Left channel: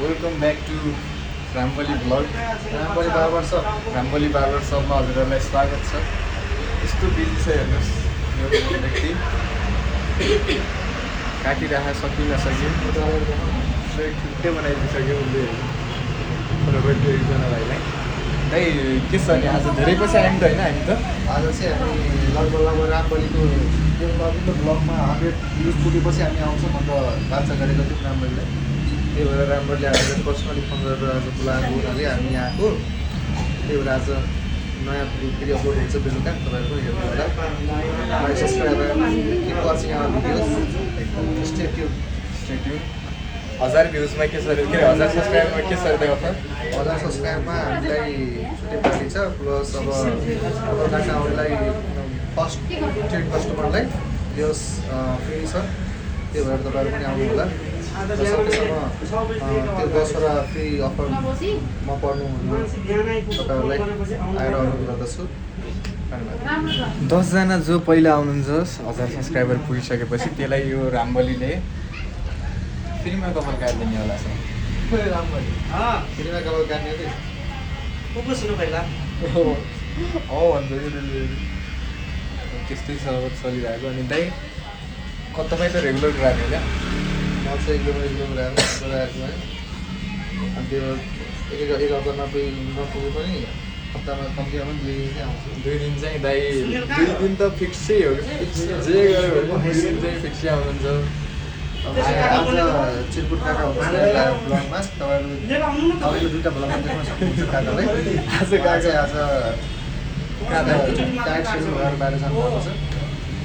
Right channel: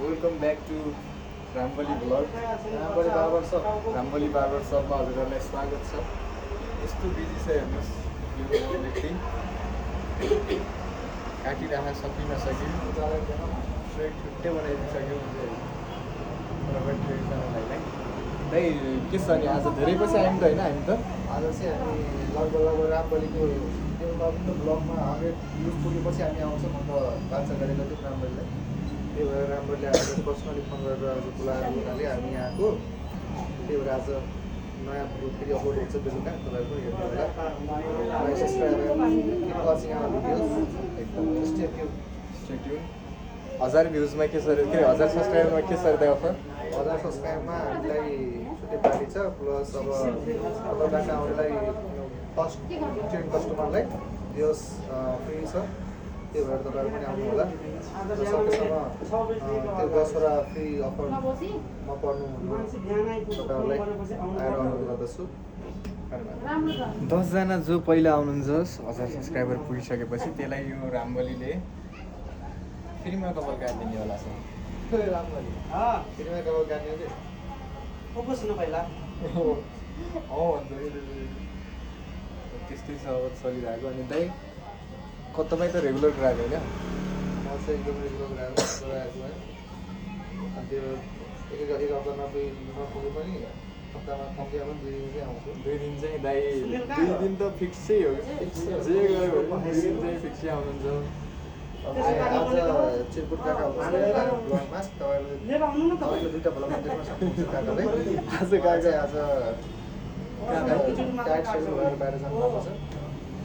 Welcome back to Rambali vlog Rambali barber सपमा हजुरहरूलाई स्वागत छ। यस्तो बिजी छ हेर्नुहोस्, एउटा व्यक्ति काटिराख्न सकि नसके छुट्टै बनाइदिइसक्यो उसले एकजना भाइलाई। है के छ नि, आज धेरै पछि आयौँ त होइन? हामी त आज चाहिँ हामी लगभग रामबलीको यो अघिल्लो ब्लगमा 100 भ्युज पुगेपछि हामी आउँछौँ अन्त बाचा गरेको थियौँ रामबलीलाई। त्यही भएर रामबलीले हामीलाई पर्सनली फोन गरेर आज बोलाएको हुनाले हामी यहाँ आएको। त्यही भएर आज नयाँ फेरि अपलोड हुन्छ बेलुका, तपाईँहरू पनि हेर्नु होला। My subscriber keep watching our videos, stay tuned. 1000 भ्युजमा के छ अरे, 1000 सब्सक्राइबरमा के छ अरे अफर? 1000 सब्सक्राइबरमा हामीलाई छुट्टै पार्टी छ। प्लस अब काकाहरूलाई फर्स्ट 10 कस्टमरलाई दियोस् फ्री छ। त्यही भएर तपाईँहरू पनि आउनु होला र सकेसम्म त्यो 10वटा फ्री अफर म पर्नु तपाईँहरूलाई आएर अनुरोध गर्दछु। धन्यवाद। 10 जना जो पहिला आउनुहुन्छ 1000 सब्सक्राइबर पुगिसकेपछि त्यसलाई यो रामबलीले फ्रीमा कपाल काटिदिने होला छ। रामबली फ्रीमा कपाल काट्ने चाहिँ त्यस्तै चलिरहेको। अनि दाइ तपाईँ त रेगुलर ग्राहक होइन? म चाहिँ एकदम राखेको है। अनि त्यो एक हप्ता नपुगे पनि हप्तामा कम्तीमा पनि 2 दिन चाहिँ आउँछु। 2 दिन चाहिँ दाइ 2 दिन त फिक्सै हो कि जे गऱ्यो भने 2 दिन चाहिँ फिक्सै आउनुहुन्छ। आज चिरकुट काका हुनुहुन्छ ब्लगमा, तपाईँले दुईवटा ब्लगमा देख्न सक्नुहुन्छ काकालाई। आज काका आज टाइट सिजन भएर बाहिर जानुभएको छ।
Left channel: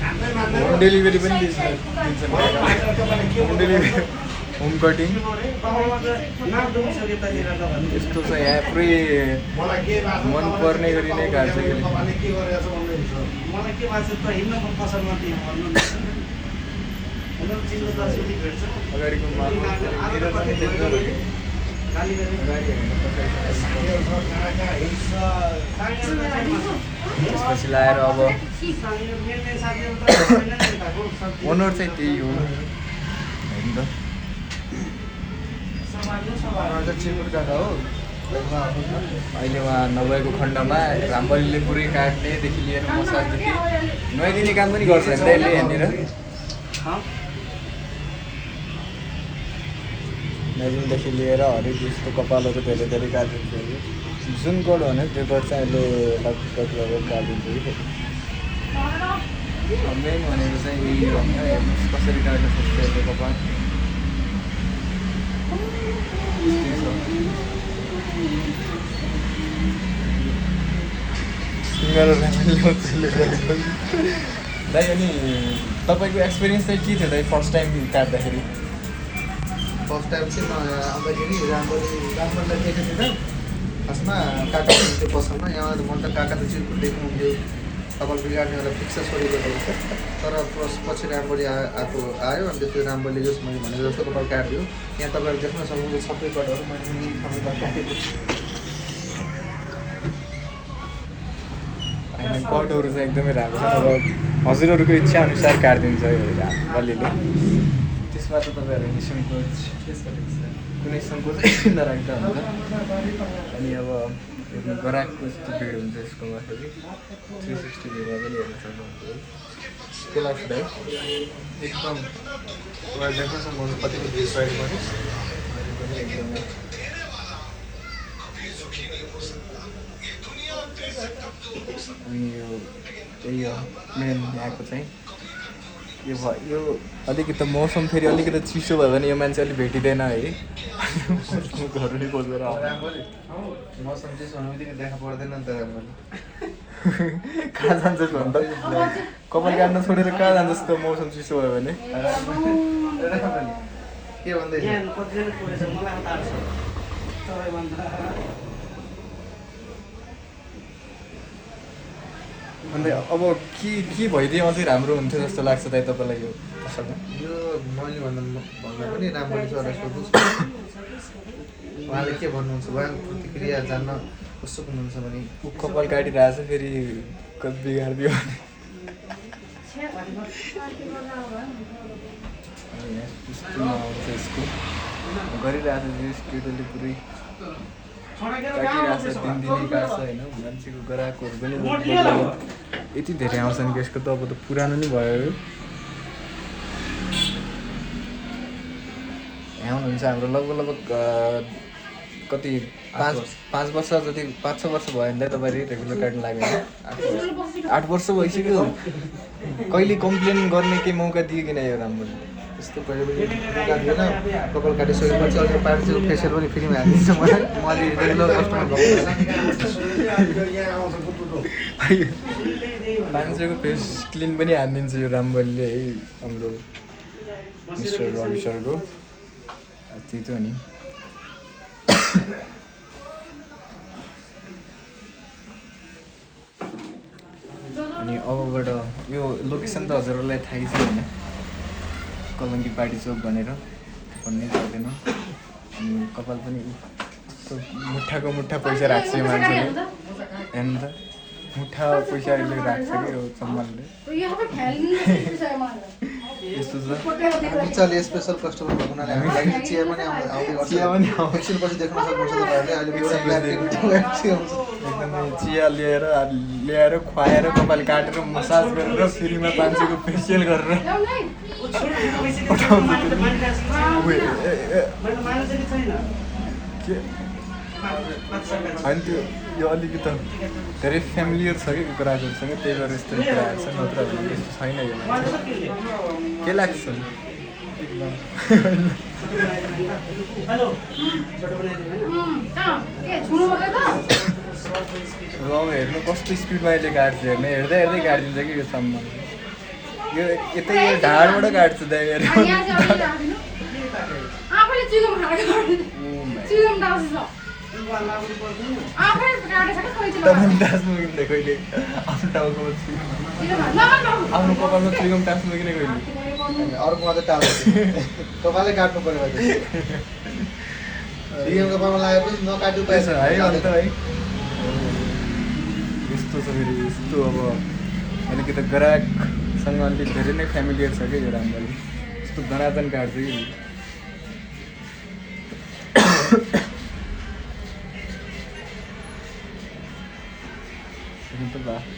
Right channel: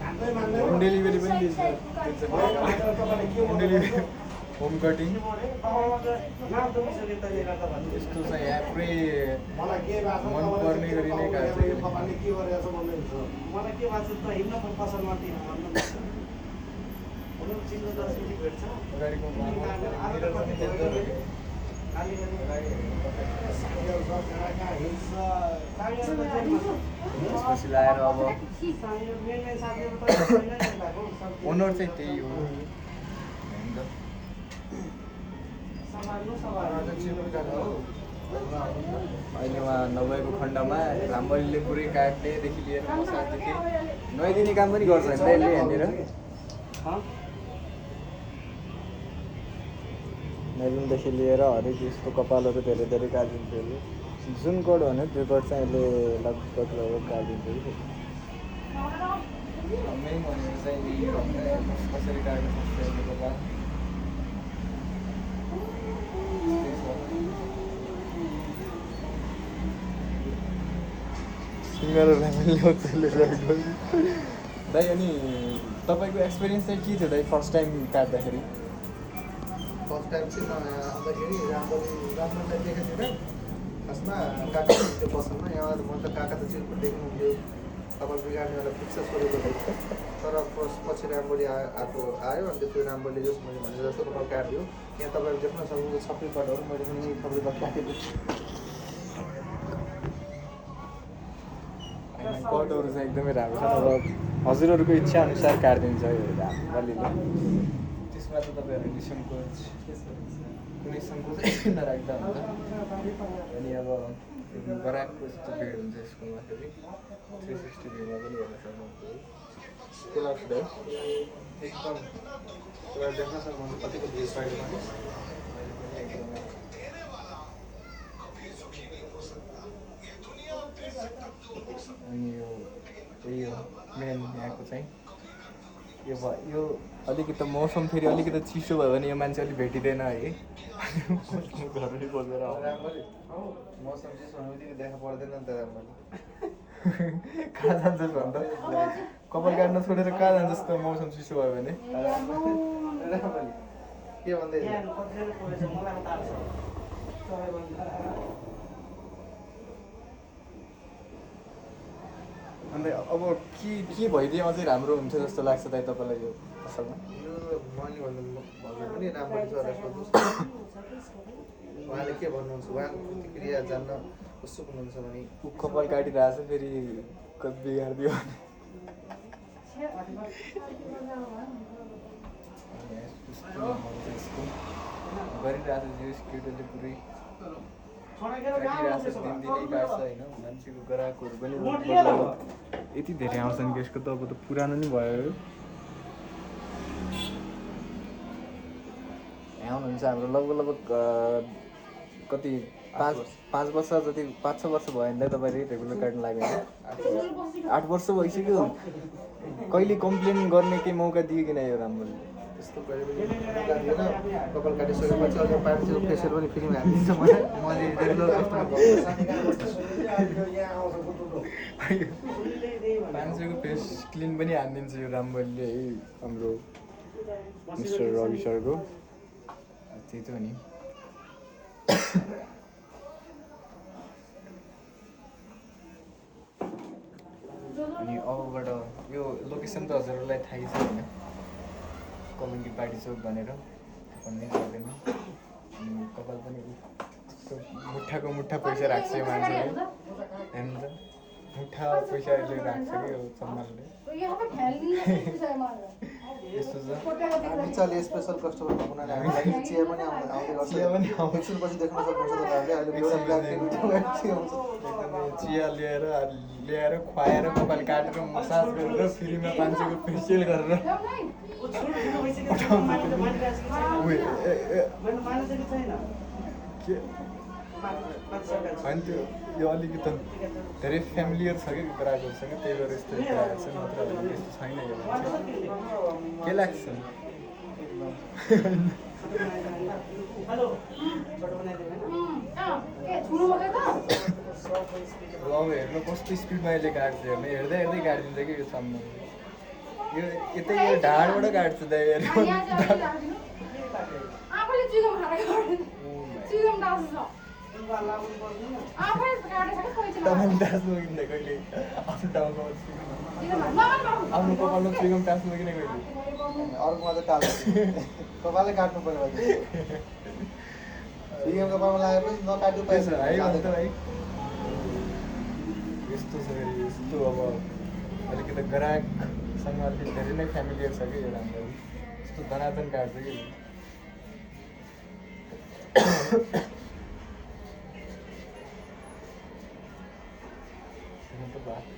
होम डेलिभरी पनि दिन्छ। होम डेलिभरी, होम कटिङ यस्तो छ यहाँ पुरै मनपर्ने गरी नै काट्छ। त्यसपछि लाएर अब ओनर चाहिँ त्यही हो। चिरकुट काका हो। अहिले उहाँ नभएको खण्डमा रामबलीले पुरै काट्नेदेखि लिएर मसाजदेखि नुहाइदिने काम पनि गर्छ नि दाइले यहाँनिर। नुहाइदिनदेखि लिएर हरेक जस्तो कपालहरू धेरै धेरै काटिदिन्छ कि जुन कोड भने त्यो कोड चाहिँ अहिले लगभग काटिदिन्छ कि। मेन भनेको चाहिँ यही हो, कसरी काटेर सुत्छ कपाल। दाइ अनि तपाईँको एक्सपिरियन्स चाहिँ के थियो दाइ फर्स्ट टाइम काट्दाखेरि? फर्स्ट टाइम चाहिँ आउँदाखेरि रामबलीलाई देखेको थिएन। खासमा काका हुनुहुन्थ्यो पसलमा। यहाँ मन त काका त चिरकुट देख्नुहुन्थ्यो, कपाल बिगार्नेहरूलाई फिक्स छोडेको थियो। तर पछि रामबली आयो। अनि त्यसपछि रामबली जस मैले भनेको जस्तो कपाल काटिदियो। यहाँ तपाईँहरू देख्न सक्नुहुन्छ सबै कटहरू मैले पनि सबै काटेको छु। होइन कटहरू चाहिँ एकदमै राम्रो छ। अब हजुरहरूको इच्छा अनुसार काटिदिन्छ रामबलीले। त्यसमा त तपाईँहरू निसङ्कोच कुनै सङ्कोच नराख्दा हुन्छ। अनि अब ग्राहकको यस्तो भिड हुन्छ यसको माथि 360 भिडियोमा पनि हेर्न सक्नुहुन्छ। के लाग्छ दाइ? एकदम उहाँ देख्न सक्नुहुन्छ कतिको भिड साइडमा अहिले पनि एकदमै अनि यो त्यही हो मेन यहाँको चाहिँ यो भयो। यो अलिकति मौसम फेरि अलिकति चिसो भयो भने यो मान्छे अलिक भेटिँदैन है। घरले खोजेर रामबली मौसम चिसो हुनु बित्तिकै देखा पर्दैन नि त रामबली। कहाँ जान्छस् भन् त? कपाल काट्न छोडेर कहाँ जान्छस् त मौसम चिसो भयो भने? के भन्दैछ? अन्त अब के भइदिए अझै राम्रो हुन्थ्यो जस्तो लाग्छ दाइ तपाईँलाई यो पसलमा? यो मैले भन्दा पनि रामबली सरलाई सोध्नुहोस्। उहाँले के भन्नुहुन्छ, उहाँको प्रतिक्रिया जान्न उत्सुक हुनुहुन्छ भने। ऊ कपाल काटिरहेको छ फेरि बिगारिदियो भने। यसको गरिरहेको छ यस केटोले पुरै काटिरहेको छ दिनदिनै काट्छ होइन मान्छेको ग्राहकहरू पनि यति धेरै आउँछन् कि यसको त अब त पुरानो नै भयो यहाँ हुनुहुन्छ हाम्रो लगभग कति 5 वर्ष जति 5-6 वर्ष भयो भने तपाईँ रेगुलर काट्नु लाग्यो 8 वर्ष भइसक्यो कहिले कम्प्लेन गर्ने केही मौका दियो किन यो राम्रो यस्तो कहिले पनि मौका दिएन कपाल काटिसकेपछि अझ पार्टीको फेसियल पनि फ्रीमा हालिदिन्छ मलाई मैले रेगुलर कस्टमर मान्छेको फेस क्लिन पनि हानिदिन्छ यो रामबलले है हाम्रो मिस्टर रवि सरको त्यही त नि अनि अबबाट यो लोकेसन त हजुरहरूलाई थाहै छ होइन कलङ्की पार्टी चोक भनेर भन्नै सक्दैन अनि कपाल पनि मुठाको मुठा पैसा राख्छ यो मान्छेले हेर्नु त मुठा पैसा अहिले राख्छ कि यो सम्मानले यस्तो छ मजाले स्पेसल कस्टमर भएको हुनाले हामीलाई चिया पनि आउने एकछिनपछि देख्न सक्नुहुन्छ तपाईँहरूले एकदमै चिया ल्याएर खुवाएर कपाल काटेर मसाज गरेर फ्रीमा 500 को फेसियल गरेर होइन त्यो यो अलिकति धेरै फ्यामिलियर छ कि कुराहरूसँग त्यही भएर यस्तो छैन यो के लाग्छ हेर्नु कस्तो स्पिडमा अहिले काट्छ हेर्नु हेर्दै हेर्दै काटिदिन्छ कि यो सम्म यो यतै ढाडबाट काट्छ अर्को मात्रै टाल्छ तपाईँले काट्नु पऱ्यो डिएमको पामा लागेपछि नकाट्नु पाएछ है अन्त है यस्तो छ फेरि यस्तो अब किनकि त ग्राहकसँग अलिक धेरै नै फ्यामिलियर छ क्या यो राम्रो यस्तो धनाधन काट्छ कि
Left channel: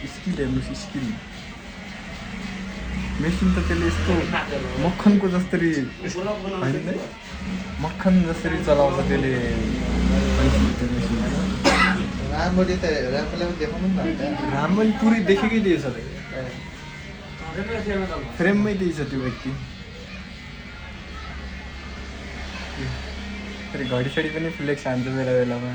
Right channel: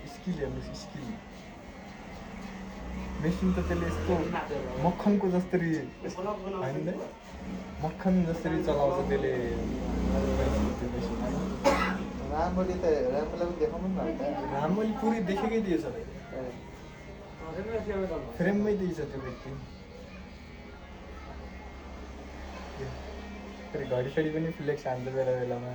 स्किल हेर्नुहोस् स्किल मेसिन त त्यसले यस्तो मक्खनको जसरी मक्खन जसरी चलाउँछ त्यसले राम्ररी त राम्रोलाई पनि देखाउनु न राम्ररी पुरै देखेकै दिएछ फ्रेममै दिएछ त्यो व्यक्ति अरे घडी सडी पनि फ्लेक्स हान्छ मेरो बेलामा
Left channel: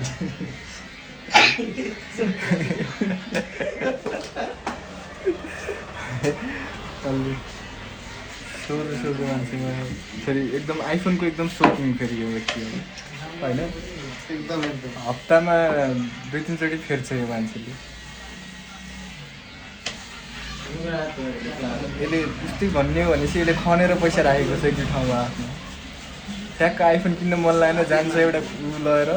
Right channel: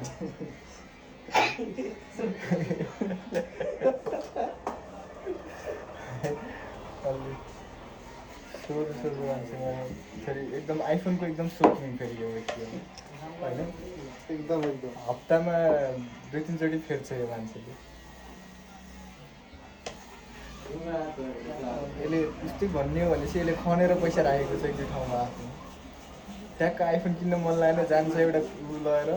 फेरि एकदम आइफोनको एकदम सोकिङ फेरि यो व्यक्ति होइन एकदम हप्तामा 2-3 चोटि फेर्छ यो मान्छेले यसले त्यस्तै भन्ने हो भनेपछि यसले खनेर पैसा राखेको छ एक ठाउँमा ठ्याक्क आइफोन किन्न मन लागेन जान्छ एउटा लगेर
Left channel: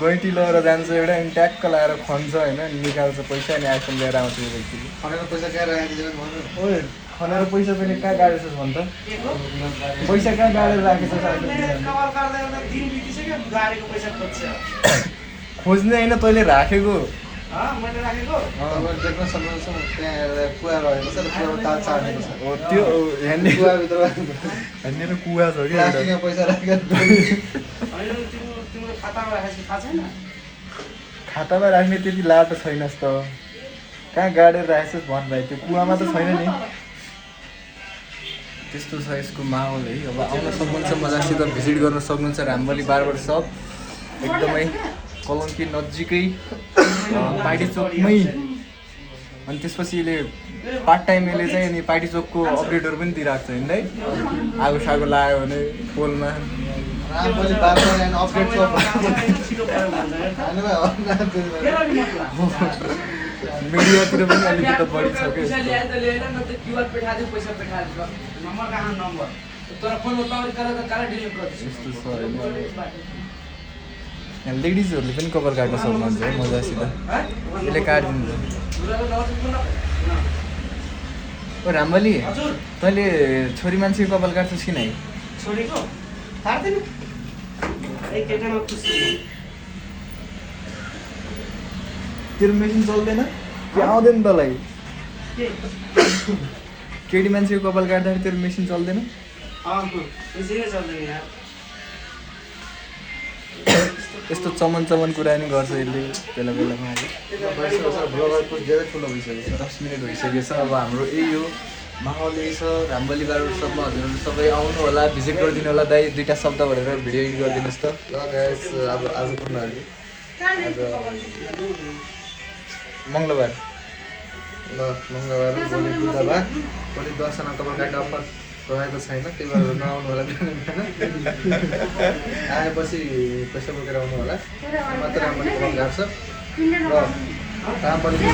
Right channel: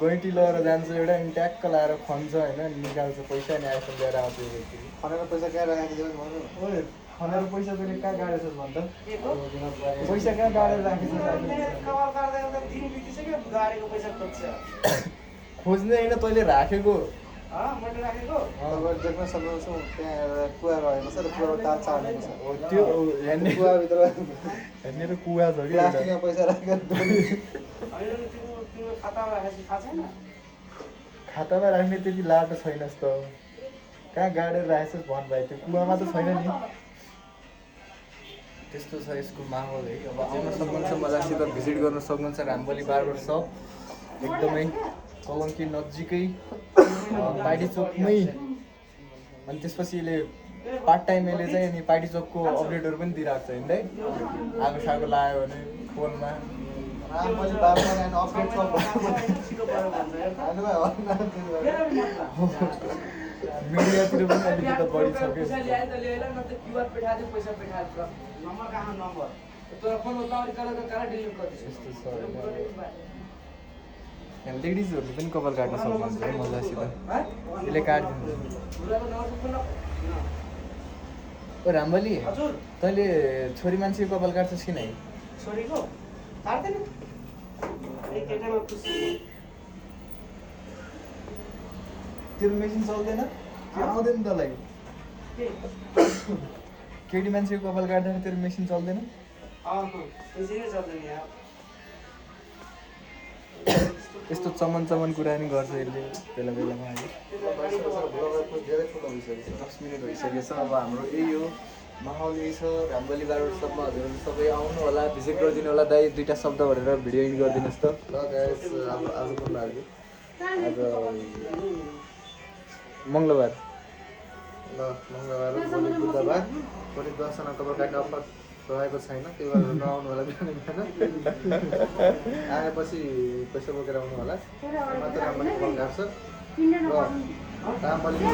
गैटी लगेर जान्छ एउटा अनि ट्याक्क लगाएर खन्छ होइन निकाल्छ पैसा अनि आइफोन लिएर आउँछ यो व्यक्ति खनेर पैसा कहाँ राखेको खनाएर पैसा पनि कहाँ गाडेछ भन्छ पैसा कहाँ गाडेर राखेछ खोज्ने होइन तैँले राखेको तपाईँले देख्न सक्नुहुन्छ त्यहाँ कुवा रहेको छ र कुवामा तार चाडेको छ त्यो कुवाभित्र हेर्ने कुवा छ कि प्लास्टिकमा पैसा राखेर खातामा राख्ने त्यति लाटो छैनस् त कहाँ गाडेर राखेछस् भन्दै त्यो कुवामा त छैन नि त्यस्तो छ यसको माहौल है अब आउन सक्नुहुन्छ मजासित भिजिट गर्न सक्नुहुन्छ रामबली बारबर सप एकदमै कलङ्की नजिकै पाइडी चोकमै अनि त्यसपछि यसले पार्ट टाइम यसले चाहिँ अनि पाइडी चोकको अपडेटहरू पनि दिइरहेको छ होइन है आगो सागो लाग्यो भने फोनमा Rambali barber and update shop मिडियातिर पनि अलिकति बढी छ लेडिजहरूले पनि कभर काट्न सक्नुहुन्छ है मजासित यसले काटिदिन्छ रामबली तैँले छोरी मान्छेको कपाल काट्छस् कि नै? छोरीको काट्दैन केटामा खुसी तेरो मेसिन चल्दैन? आउँदैन तँलाई? के केटी मान्छेको कपाल काट्दाखेरि तेरो मेसिन चल्दैन? त्यसै चल्दैन यार यस्तो चमन चमन कुरा नि गर्छ यसले बेला बेलामा। ब्लगरको धेरै ठुलो भइसकेको छ। 10 मिनट भइसकेको छ। अब हाम्रो यही हो माहौल यही छ। रामबली बारबाट सबमा हजुरहरू सबै आउनु होला, भिजिट गरिदिनु होला। दाइ दुईवटा शब्द भनेर भिडियो एडिट गरिदिनुहोस् त। ल गाइस अब आज कुन बार हो? आज मङ्गलबार। ल मङ्गलबार भोलि बुधबार भोलि दसजना कपाल काट्ने अफर रहेको छैन, त्यही भएर नआउनु होला बिहान बिहान। आएपछि पैसा बोकेर आउनु होला। मात्र रामबली कपाल काट्छ र रामबलीको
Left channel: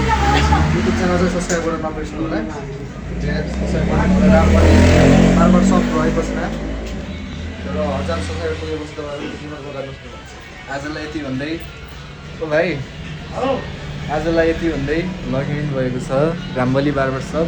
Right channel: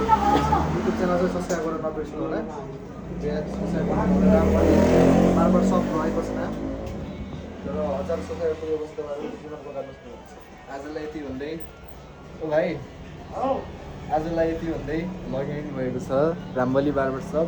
युट्युब च्यानल चाहिँ सब्सक्राइब गरेर नबिर्सनु होला। सब्सक्राइब गर्नु होला। रामबली बारबार सप रहेको छैन र 1000 सब्सक्राइबर पुगेपछि तपाईँहरू किनर गर्नुहोस्। आजलाई यति भन्दै ओ भाइ आजलाई यति भन्दै लगिनु भएको छ रामबली बारबर सब।